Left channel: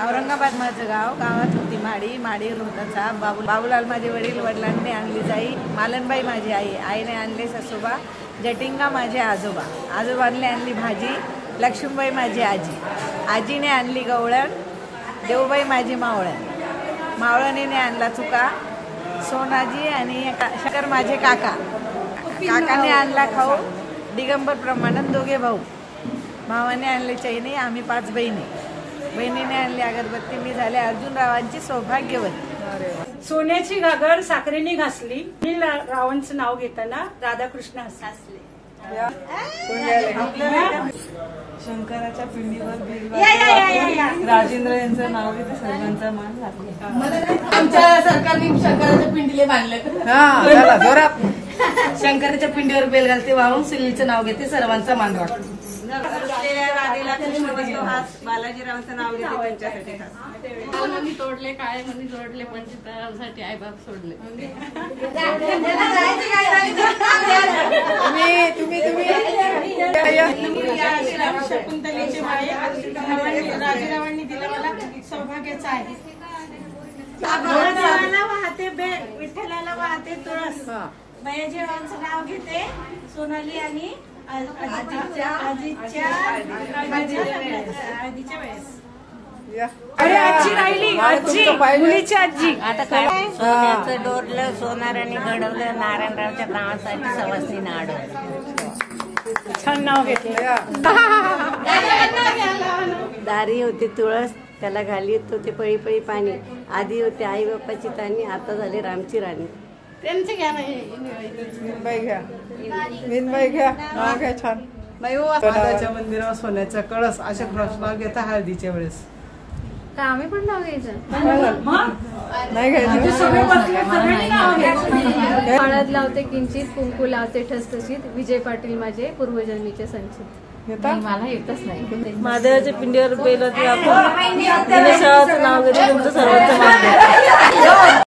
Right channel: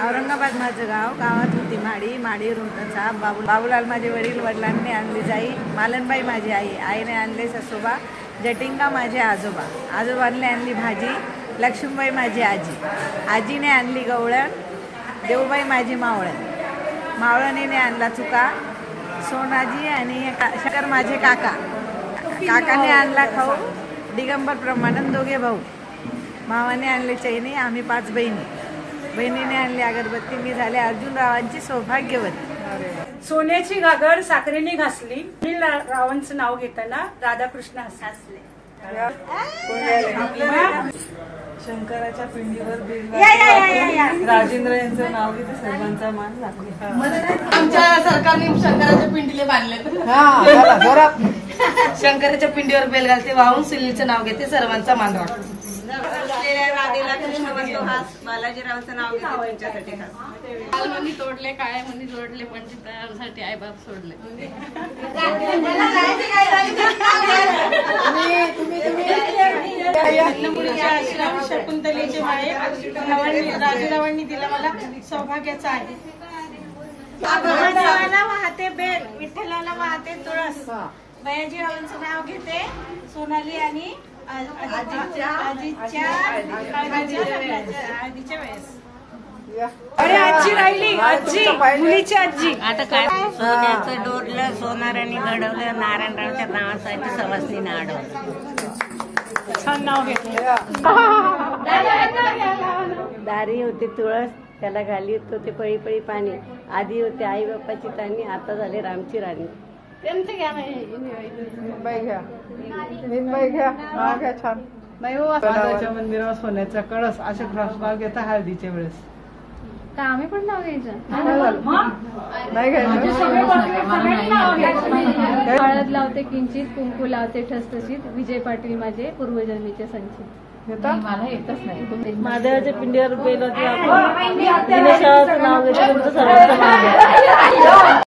औरंगाबाद माझं गाव, गावात होती माडी रोहताचा बाबूलाल माझे वडील, वडिलांनी आणली जाई, मालनबाई माझी आई, आईने आणले ससोबा, जटिंगा माझे आजोबा, आजोबांनी आणली भाजी, लक्ष्मीबाई माझी आजी, आजीने आणली गवळण, देवबाई माझी मावळण, मावळणीने आणला चुका, सोनाजी आणि शकर माझे काका, काकाने आणला खाऊ, दिगंबर प्रमाणन दोघे भाऊ, भावाने आणले चैनी, आम्ही 5 बहिणी, बहिणीने आणली अगरबत्ती, मी झाले अर्जुनरावांची सौभाग्यवती। सोन्याची घागर साखरेने घासली, मी रावांचं नाव घेताना राधाकृष्ण हसले। शंकराच्या पिंडीवर बेल राजेंद्र यांचं नाव घेते, सर्वांचा मान राखले। आमच्या सरकारने शंकराच्या पिंडीले बांधले। शंकराच्या पिंडीवर बेल घालते, वाहून सुनीलचं नाव घेते, सर्वांचा मान राखते। राधेला कृष्ण बसतो हास, बालाजीरावांचं नाव घेते, त्यांच्यासाठी खास। मी तोडले काय म्हणून जोडले, पंचसाठी आई बाप सोडले। शकुंतलेचे माळे राजेरावांनी दिला मला सौभाग्याचा आहे। महादेवाला वाहते बेल, विठ्ठलाला वाहते तुळस, बयाजीरावांचं नाव घेते, सोनाली आणि आजीच्या वेळेस। मुलीची आजी आता काय सोन्याचं डोरलं, सोनाराने घडवलं, नारायणरावच्या नावासाठी सवासनीने अडवलं, छान नाव घेतलं। दारी होती तुळस, त्याला घाली तो ते पळी पळी पाणी, आधी होते आई बाप्पाची तानी, आता झाले रामची राणी। मीनबाई घ्या छान। महादेवाच्या मंदिरावर सोन्याचा कळस, असे प्रश्न घेता हळदीच्या वेळेस। का आम्ही पण नाव घ्यायचं? नाही हळद लावते किंचित, कुंकू लावते ठसठशीत, विजय पाटील माझे पूर्वजन्मीचे संचित। मला येतच नाही। महादेवाच्या पिंडीवर बेल आपण नाव घेते, तुमचं सर्वांचं मान